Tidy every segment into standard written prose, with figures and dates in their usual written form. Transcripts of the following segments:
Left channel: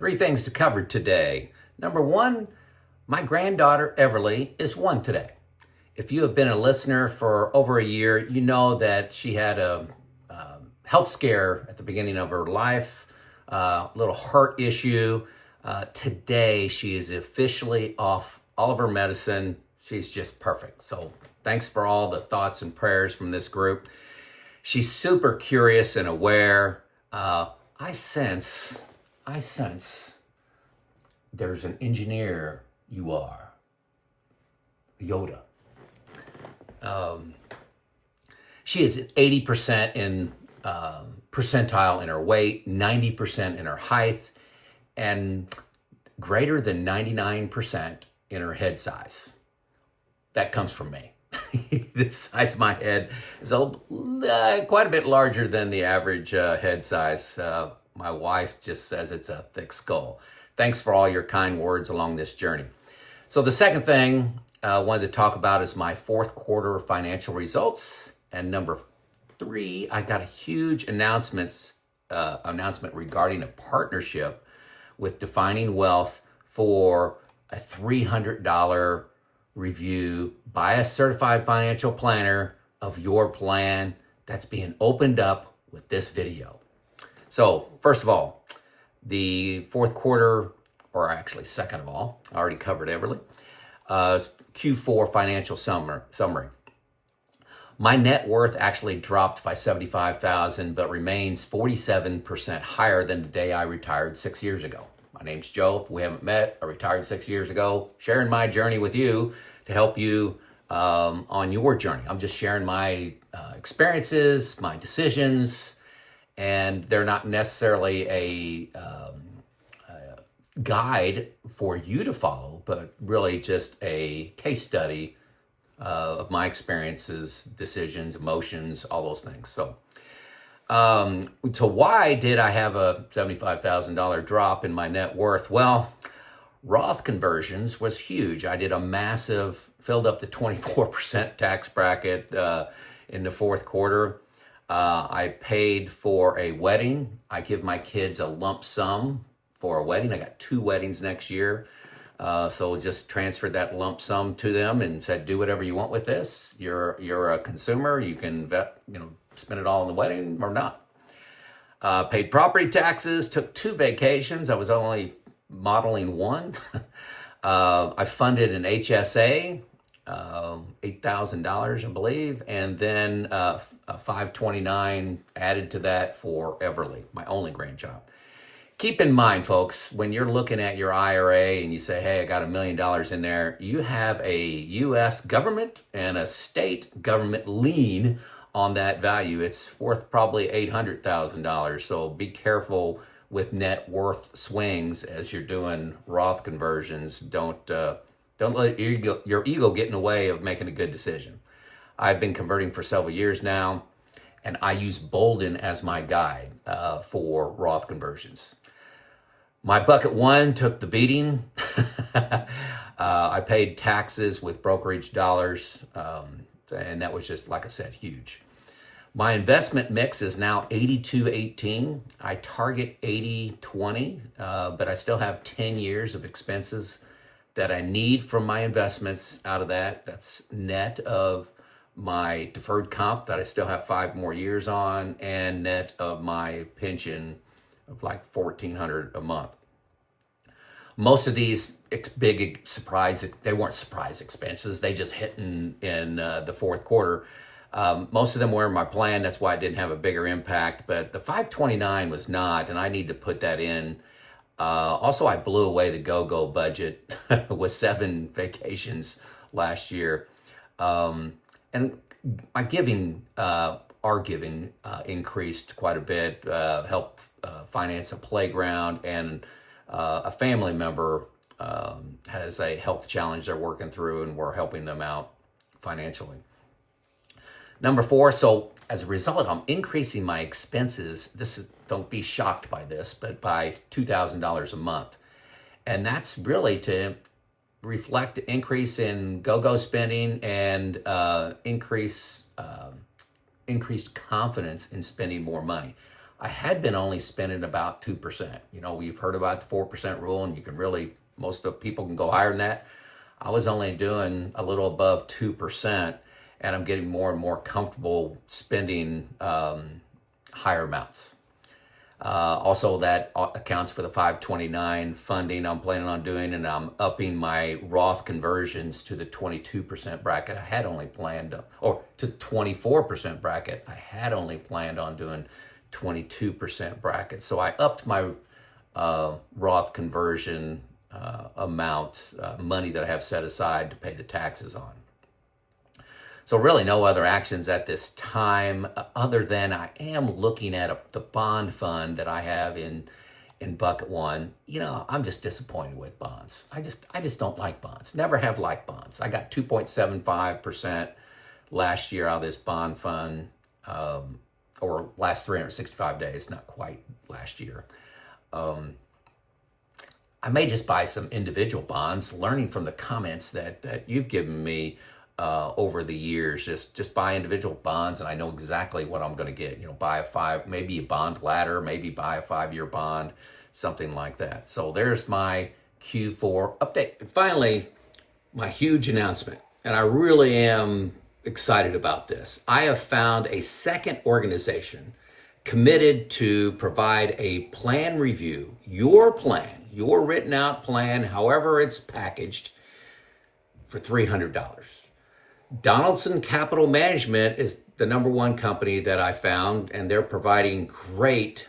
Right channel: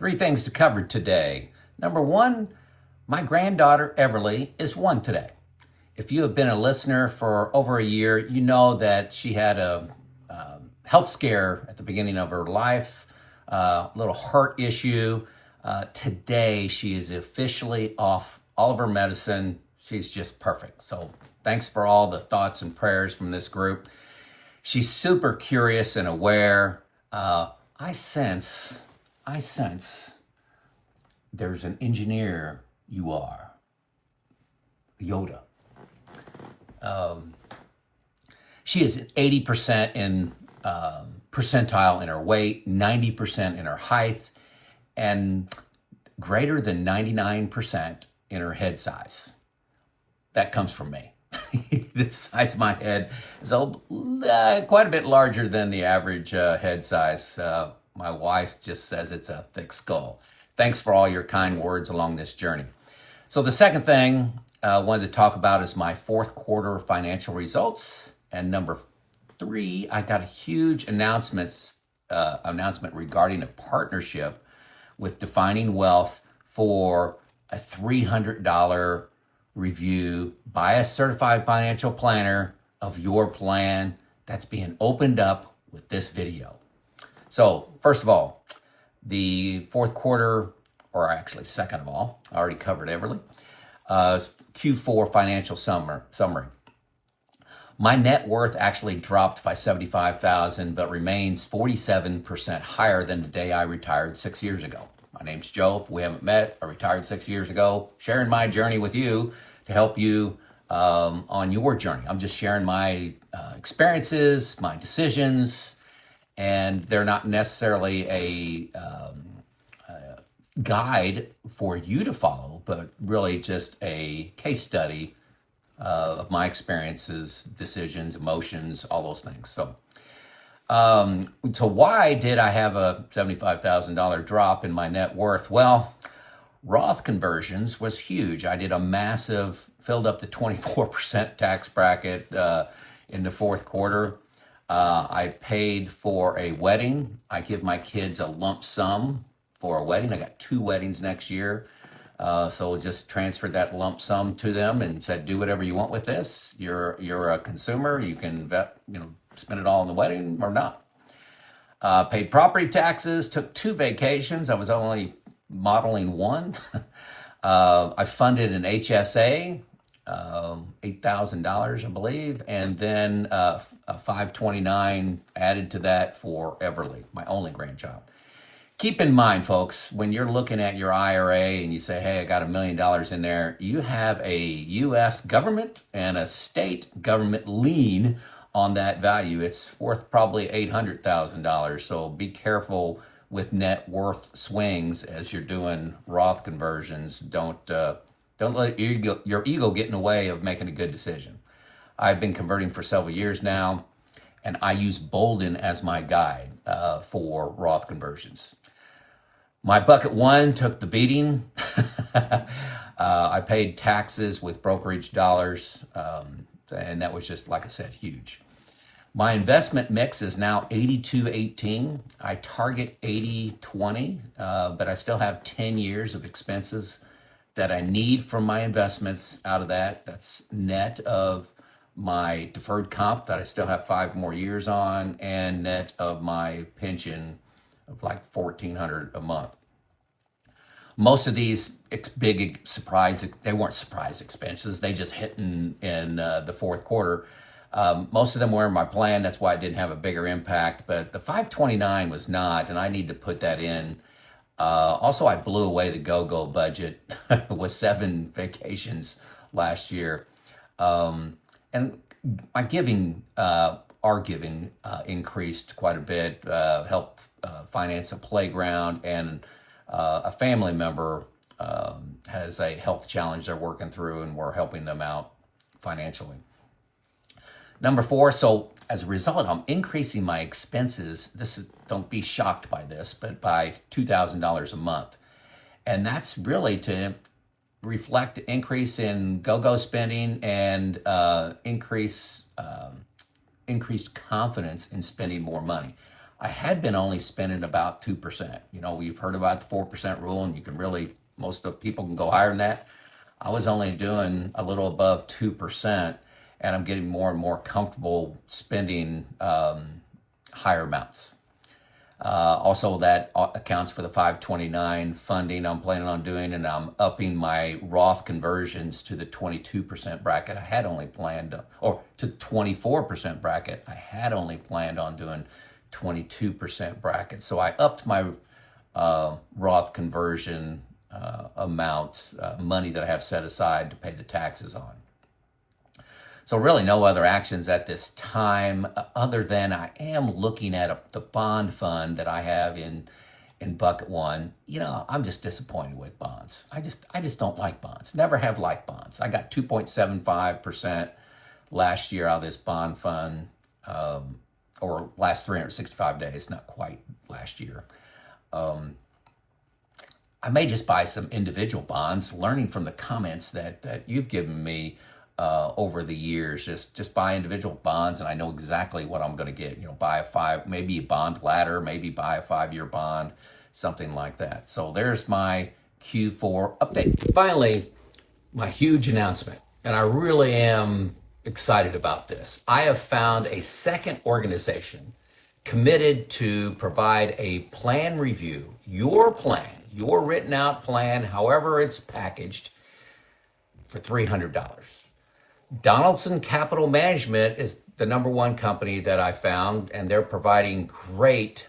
Three things to cover today. Number one, my granddaughter Everly is 1 today. If you have been a listener for over a year, you know that she had a health scare at the beginning of her life, a little heart issue. Today, she is officially off all of her medicine. She's just perfect. So thanks for all the thoughts and prayers from this group. She's super curious and aware. I sense there's an engineer you are. Yoda. She is 80% in percentile in her weight, 90% in her height, and greater than 99% in her head size. That comes from me. The size of my head is quite a bit larger than the average head size. My wife just says it's a thick skull. Thanks for all your kind words along this journey. So the second thing I wanted to talk about is my fourth quarter financial results. And number 3, I got a huge announcement regarding a partnership with Defining Wealth for a $300 review by a certified financial planner of your plan that's being opened up with this video. So first of all, the fourth quarter, or actually second of all, I already covered Everly, Q4 financial summary. My net worth actually dropped by $75,000, but remains 47% higher than the day I retired 6 years ago. My name's Joe. If we haven't met, I retired 6 years ago, sharing my journey with you to help you on your journey. I'm just sharing my experiences, my decisions, and they're not necessarily a guide for you to follow, but really just a case study of my experiences, decisions, emotions, all those things. So why did I have a $75,000 drop in my net worth? Well, Roth conversions was huge. I did a massive, filled up the 24% tax bracket in the fourth quarter. I paid for a wedding. I give my kids a lump sum for a wedding. I got 2 weddings next year. So just transferred that lump sum to them and said, do whatever you want with this. You're a consumer. You can spend it all on the wedding or not. Paid property taxes, took 2 vacations. I was only modeling 1. I funded an HSA, $8,000, I believe, and then a 529 added to that for Everly, my only grandchild. Keep in mind, folks, when you're looking at your IRA and you say, hey, I got $1 million in there, you have a U.S. government and a state government lien on that value. It's worth probably $800,000. So be careful with net worth swings as you're doing Roth conversions. Don't let your ego get in the way of making a good decision. I've been converting for several years now, and I use Boldin as my guide for Roth conversions. My bucket 1 took the beating. I paid taxes with brokerage dollars, and that was just, like I said, huge. My investment mix is now 82-18. I target 80-20, but I still have 10 years of expenses that I need from my investments out of that. That's net of my deferred comp that I still have 5 more years on, and net of my pension of like $1,400 a month. Most of these big surprise, they weren't surprise expenses. They just hit in the fourth quarter. Most of them were in my plan. That's why it didn't have a bigger impact, but the 529 was not, and I need to put that in. Also, I blew away the go-go budget with 7 vacations last year. And my giving, our giving increased quite a bit, helped finance a playground, and a family member has a health challenge they're working through, and we're helping them out financially. Number 4, so as a result, I'm increasing my expenses. Don't be shocked by this, but by $2,000 a month. And that's really to reflect the increase in go-go spending and increased confidence in spending more money. I had been only spending about 2%. You know, we've heard about the 4% rule, and you can really, most of people can go higher than that. I was only doing a little above 2%, and I'm getting more and more comfortable spending higher amounts. Also, that accounts for the 529 funding I'm planning on doing, and I'm upping my Roth conversions to the 22% bracket. I had only planned, or to 24% bracket. I had only planned on doing 22% bracket. So I upped my Roth conversion amounts, money that I have set aside to pay the taxes on. So really no other actions at this time, other than I am looking at the bond fund that I have in bucket one. You know, I'm just disappointed with bonds. I just don't like bonds. Never have liked bonds. I got 2.75% last year out of this bond fund, or last 365 days, not quite last year. I may just buy some individual bonds, learning from the comments that you've given me over the years. Just buy individual bonds, and I know exactly what I'm going to get. You know, buy maybe a bond ladder, maybe buy a 5-year bond, something like that. So there's my Q4 update. Finally, my huge announcement, and I really am excited about this. I have found a second organization committed to provide a plan review, your plan, your written out plan, however it's packaged, for $300. Donaldson Capital Management is the number one company that I found, and they're providing great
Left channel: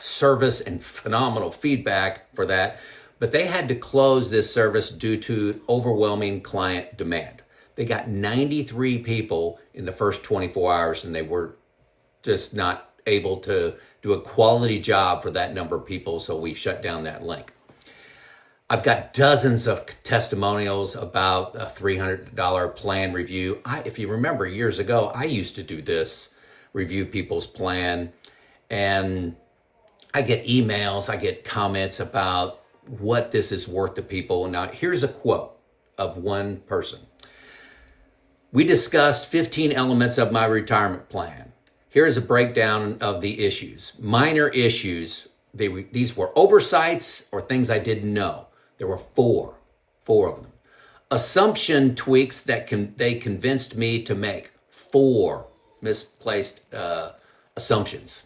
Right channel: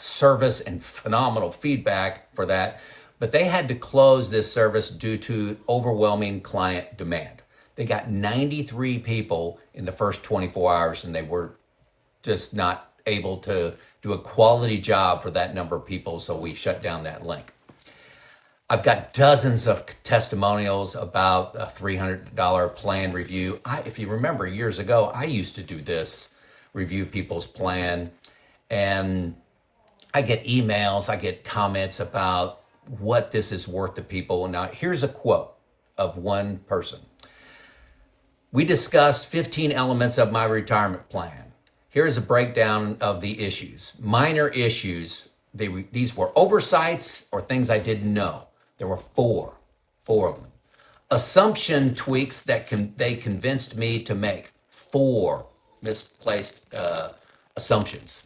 service and phenomenal feedback for that. But they had to close this service due to overwhelming client demand. They got 93 people in the first 24 hours, and they were just not able to do a quality job for that number of people, so we shut down that link. I've got dozens of testimonials about a $300 plan review. If you remember years ago, I used to do this, review people's plan, and I get emails, I get comments about what this is worth to people. Now, here's a quote of one person. We discussed 15 elements of my retirement plan. Here is a breakdown of the issues. Minor issues, these were oversights or things I didn't know. There were four of them. Assumption tweaks that they convinced me to make. 4 misplaced assumptions,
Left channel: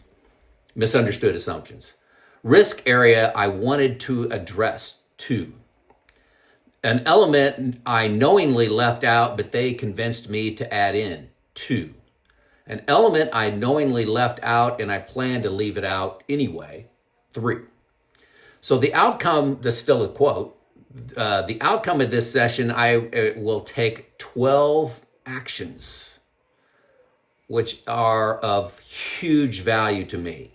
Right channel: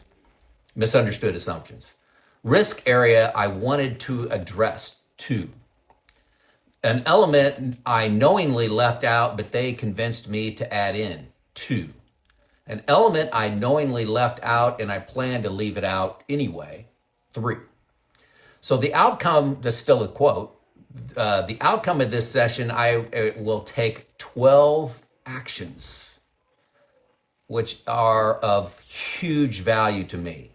misunderstood assumptions. Risk area I wanted to address. 2. An element I knowingly left out, but they convinced me to add in. 2. An element I knowingly left out and I plan to leave it out anyway. 3. So the outcome, that's still a quote, the outcome of this session, I will take 12 actions, which are of huge value to me.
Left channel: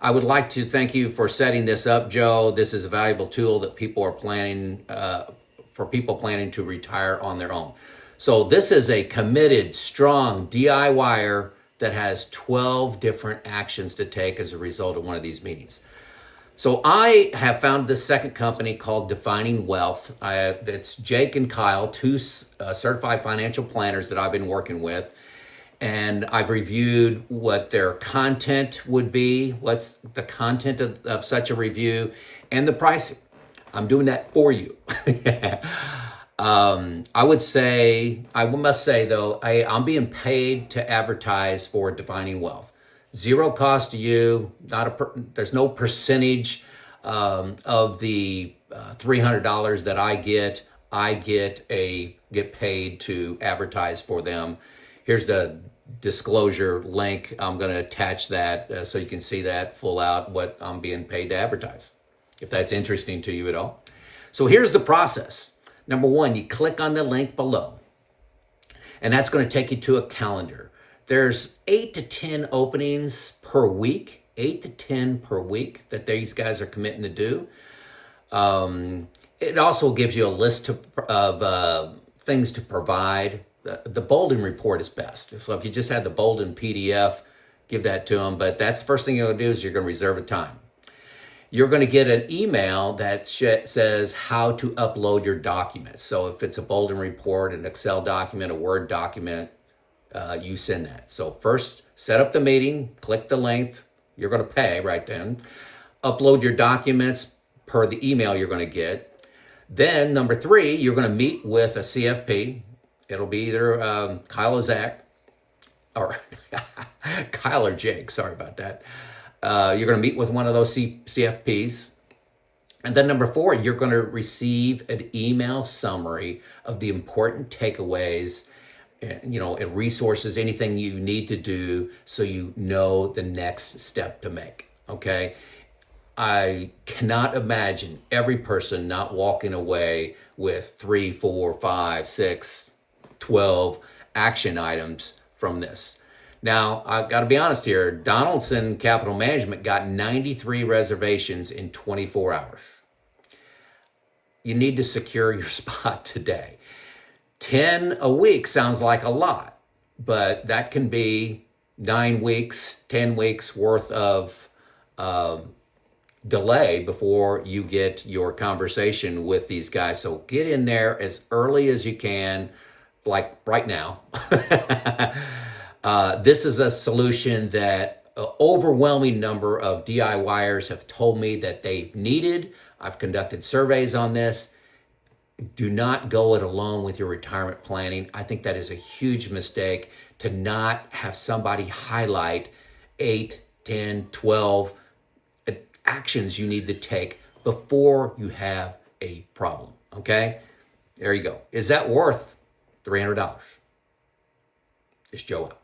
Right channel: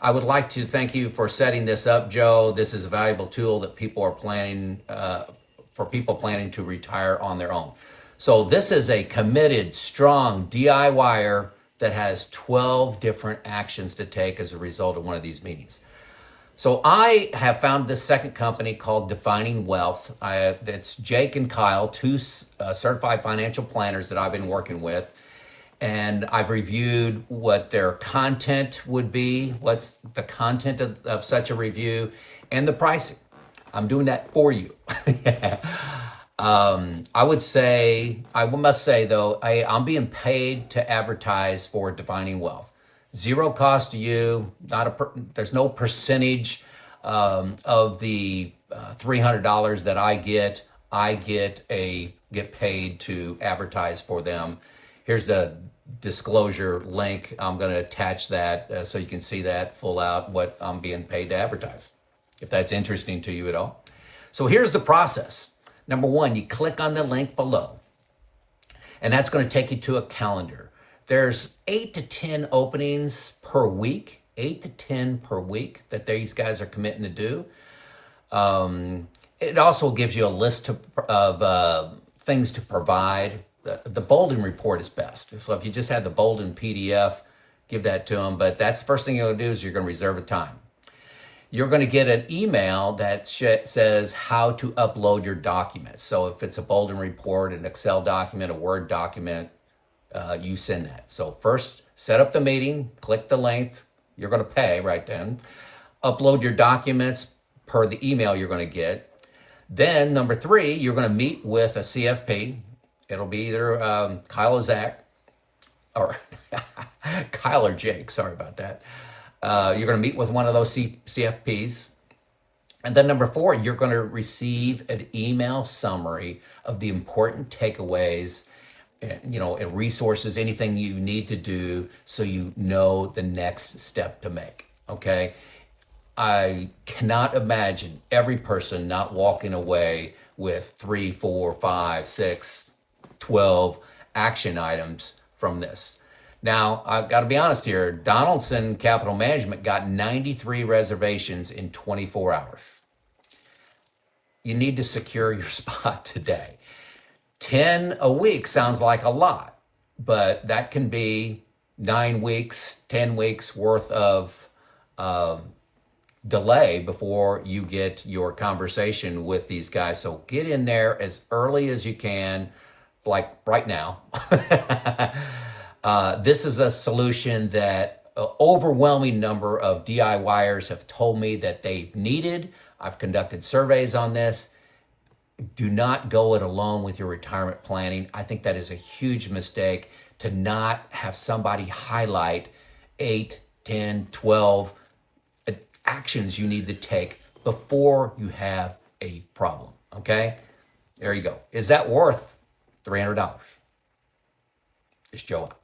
I would like to thank you for setting this up, Joe. This is a valuable tool that people are planning, for people planning to retire on their own. So this is a committed, strong DIYer that has 12 different actions to take as a result of one of these meetings. So I have found this second company called Defining Wealth. It's Jake and Kyle, 2 certified financial planners that I've been working with. And I've reviewed what their content would be, what's the content of such a review, and the pricing. I'm doing that for you. I must say though, I'm being paid to advertise for Defining Wealth. Zero cost to you. There's no percentage of the $300 that I get. I get paid to advertise for them. Here's the disclosure link. I'm going to attach that so you can see that full out what I'm being paid to advertise, if that's interesting to you at all. So here's the process. Number 1, you click on the link below, and that's going to take you to a calendar. There's 8 to 10 openings per week, 8 to 10 per week that these guys are committing to do. It also gives you a list of things to provide. The Boldin report is best. So if you just had the Boldin PDF, give that to them. But that's the first thing you're going to do is you're going to reserve a time. You're going to get an email that says how to upload your documents. So if it's a Boldin report, an Excel document, a Word document, you send that. So first, set up the meeting, click the link. you're going to pay right then. Upload your documents per the email you're going to get. Then number 3, you're going to meet with a CFP. It'll be either Kyle or Zach, or Kyle or Jake, sorry about that. You're going to meet with one of those CFPs. And then number 4, you're going to receive an email summary of the important takeaways, and resources, anything you need to do so you know the next step to make, okay? I cannot imagine every person not walking away with 3, 4, 5, 6, 12 action items from this. Now, I've got to be honest here. Donaldson Capital Management got 93 reservations in 24 hours. You need to secure your spot today. 10 a week sounds like a lot, but that can be 9 weeks, 10 weeks worth of delay before you get your conversation with these guys. So get in there as early as you can, like right now. This is a solution that an overwhelming number of DIYers have told me that they've needed. I've conducted surveys on this. Do not go it alone with your retirement planning. I think that is a huge mistake to not have somebody highlight 8, 10, 12 actions you need to take before you have a problem, okay? There you go. Is that worth $300? It's Joe out.